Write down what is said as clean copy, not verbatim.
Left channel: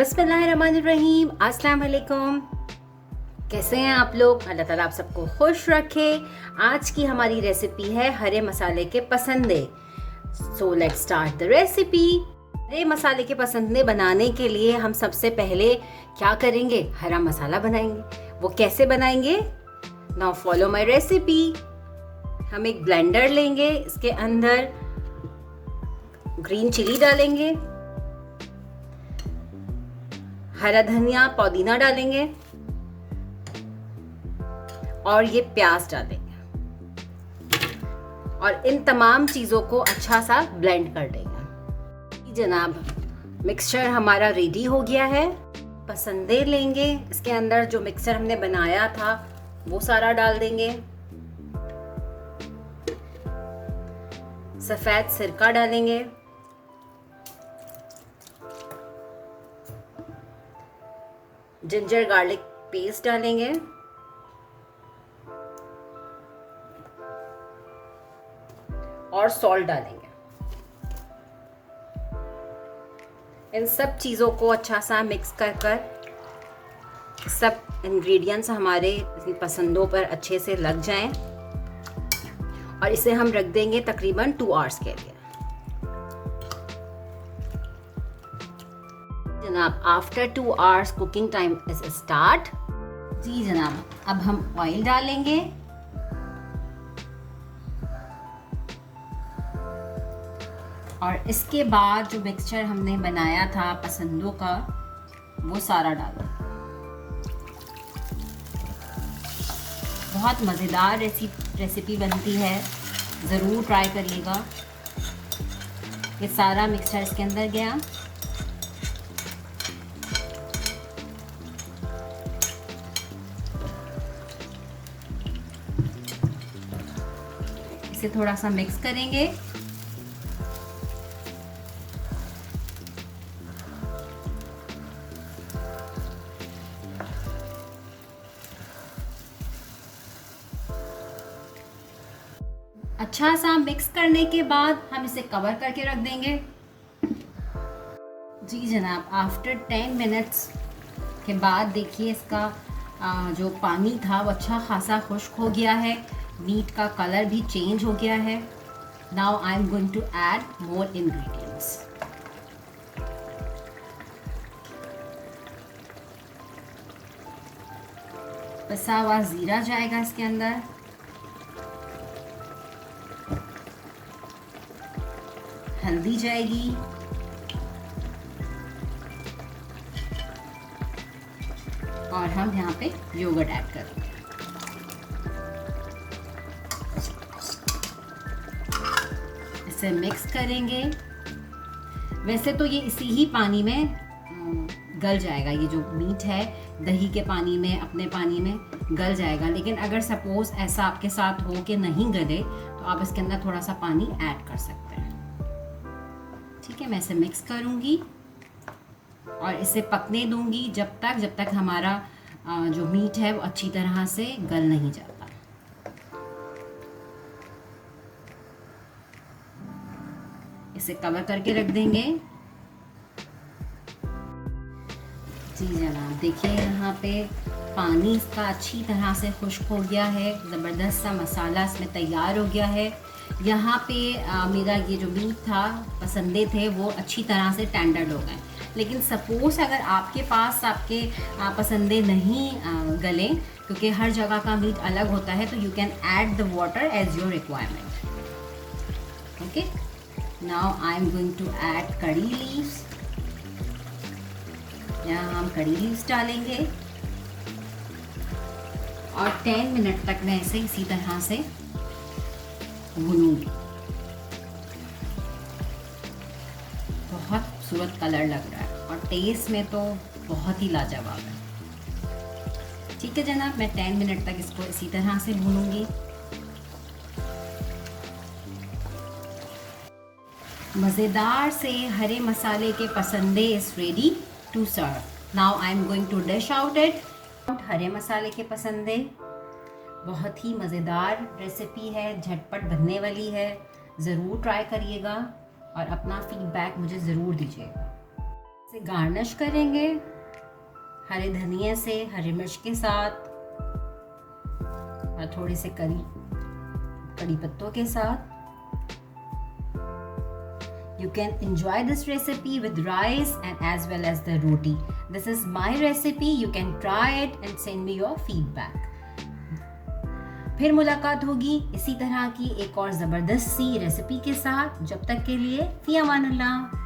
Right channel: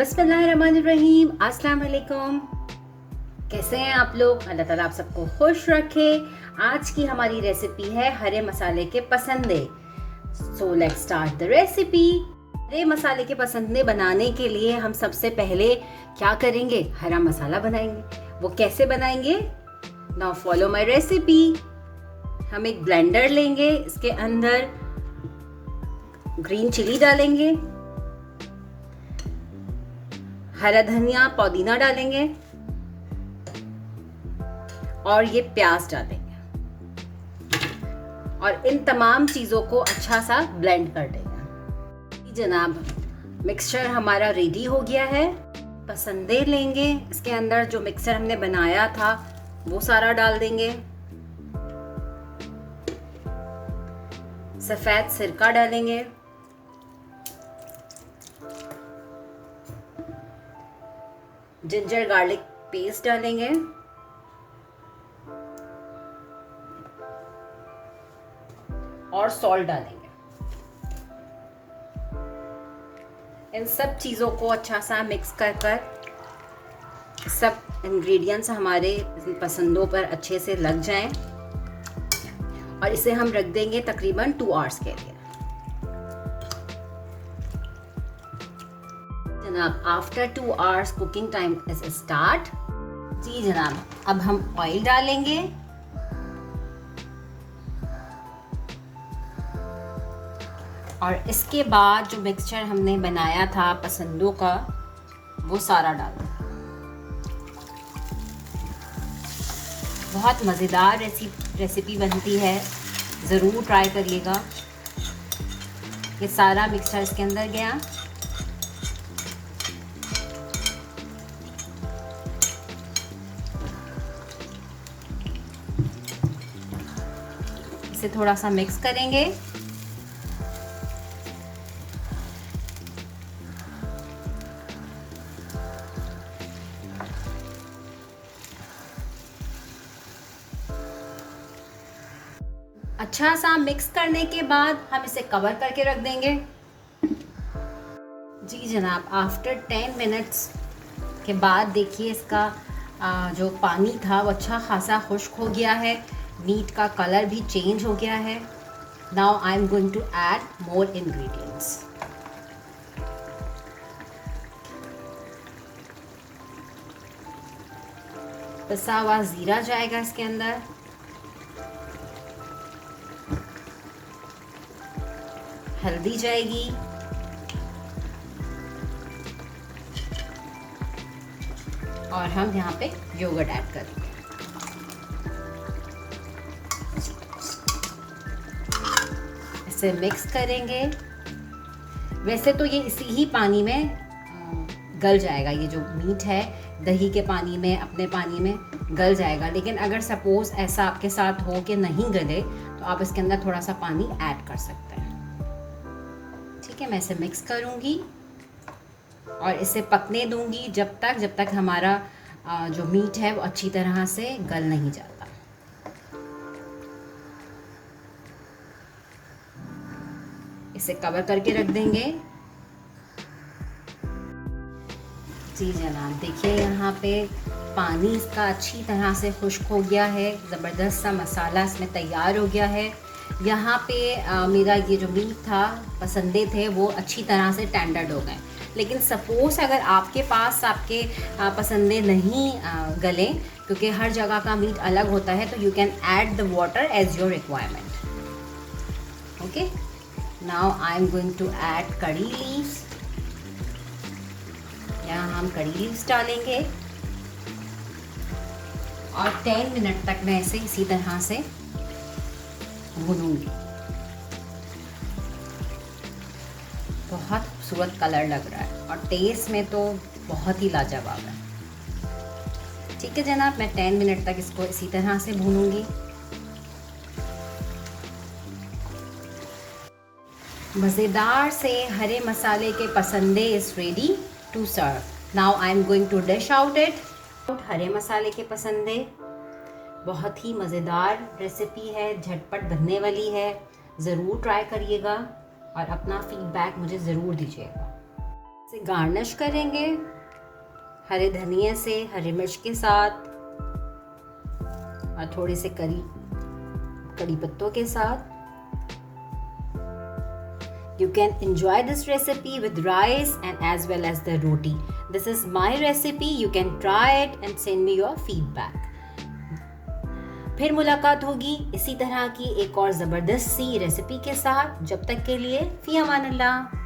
बिस्मिल्लाहिर्रहमानिर्रहीम। अस्सलाम वालेकुम। कैसे हैं आप लोग? अल्लाह ताला आप सबको खुश रखे। आज की हमारी रेसिपी है हरे मसाले के पसंदे। So let's start the recipe. हरे मसाले के पसंदे बनाने के लिए हम सबसे पहले क्या करेंगे? हरा मसाला बनाएंगे। वो कैसे बनाएंगे? Now follow my recipe. हम एक ब्लेंडर लेंगे, इसके अंदर ग्रीन चिली डालेंगे, हरा धनिया पुदीना डालेंगे और ये प्याज डालेंगे और इन तमाम चीज़ों को अच्छा सा ब्लेंड कर देंगे। जनाब, मिक्सचर हमारा रेडी हो गया है। पसंदे लेंगे, इसके अंदर जो मिक्सचर हमने बनाया था वो सारा डाल देंगे। सफ़ेद सिरका डालेंगे, जिंजर गार्लिक पेस्ट डालेंगे, और सॉल्ट डालेंगे। इन सब चीज़ों को अच्छा सा मिक्स कर सब इंग्रेडिएंट्स हमारे पसंदों पर अच्छे से लग जाएं और इसे हम रख देंगे तकरीबन 2 आवर्स के लिए। जनाब, after 2 hours cooking time is start. जी जनाब, अब हम ऑयल डालेंगे और इसके बाद जो मिक्सचर हमने बनाया था पसंदों का वो सारा डाल दें। बहुत मज़ेदार रेसिपी बनती है, ज़रूर ट्राई करिएगा। ये सारा मिक्सचर इसके अंदर गया। इसे थोड़ा सा मिक्स करेंगे। अच्छा सा मिक्स करने के बाद हम इसे कवर करके रख देंगे। जी जनाब, आफ्टर 10 मिनट्स के बाद देखिए इसका जो पानी था वो अच्छा खासा खुश्क हो गया है। मीट का कलर भी चेंज हो गया है। Now I am going to add more ingredients. पिसा हुआ ज़ीरा जाएगा इसके अंदर, हल्दी जाएगी, और हम यहाँ पे योगर्ट ऐड करेंगे। इसे मिक्स करेंगे। वैसे तो ये इसी ही पानी में गल जाएगा। ये जो मीट है दही के पानी में, अपने पानी में गल जाएगा। लेकिन अगर सपोज ऐसा आपके साथ हो कि नहीं गले तो आप इसके अंदर थोड़ा सा पानी ऐड कर सकते हैं। ठीक है, मैं इसे मिक्स करूँगी और इसे पकने दूंगी जब तक हमारा जो मीट है वो अच्छी तरह से गल नहीं जाता। इसे कवर करके रख देंगे। जी जनाब, देखिए यहाँ पे पानी इसका अच्छी तरह से खुश्क हो गया है। ज़बरदस्त सा मसाला इसमें तैयार हो गया है। यहाँ पे मेरा ये जो मीट था, पसंदे थे, वो अच्छी तरह से टेंडर्ड हो गए। लेकिन सपोज अगर आपके पास आपके पसंदे नहीं गलें, क्योंकि हर जगह का मीट अलग होता है, तो you can add the water as your requirement. Okay, now I am going to add curry leaves. यहाँ हम कड़ी लीव्स डालेंगे और 10 मिनट तक मैं इसे इसी तरह से भूनूंगी। बहुत खूबसूरत कलर लग रहा है और टेस्ट में तो बहुत ही लाजवाब है। ठीक है जनाब, मैं 10 मिनट तक इसको इसी तरह से भूनूंगी। मज़ेदार से हरे मसाले के पसंदे is ready to serve. Now I am going to dish out it. हरे मसाले के पसंदे बहुत ही मज़ेदार रेसिपी है, झटपट बनने वाली है। ज़रूर ट्राई करिएगा और अपना फीडबैक मुझे ज़रूर दीजिएगा। इसे गार्निश करेंगे हरे धनिया से, हरी मिर्च के साथ और थोड़े से कड़ी पत्तों के साथ। You can enjoy this recipe with rice and as well as the roti. This is my recipe. You can try it and send me your feedback. फिर मुलाकात होगी इसी तरह की एक और ज़बरदस्त सी रेसिपी के साथ। जब तक के लिए फ़ी अमान अल्लाह।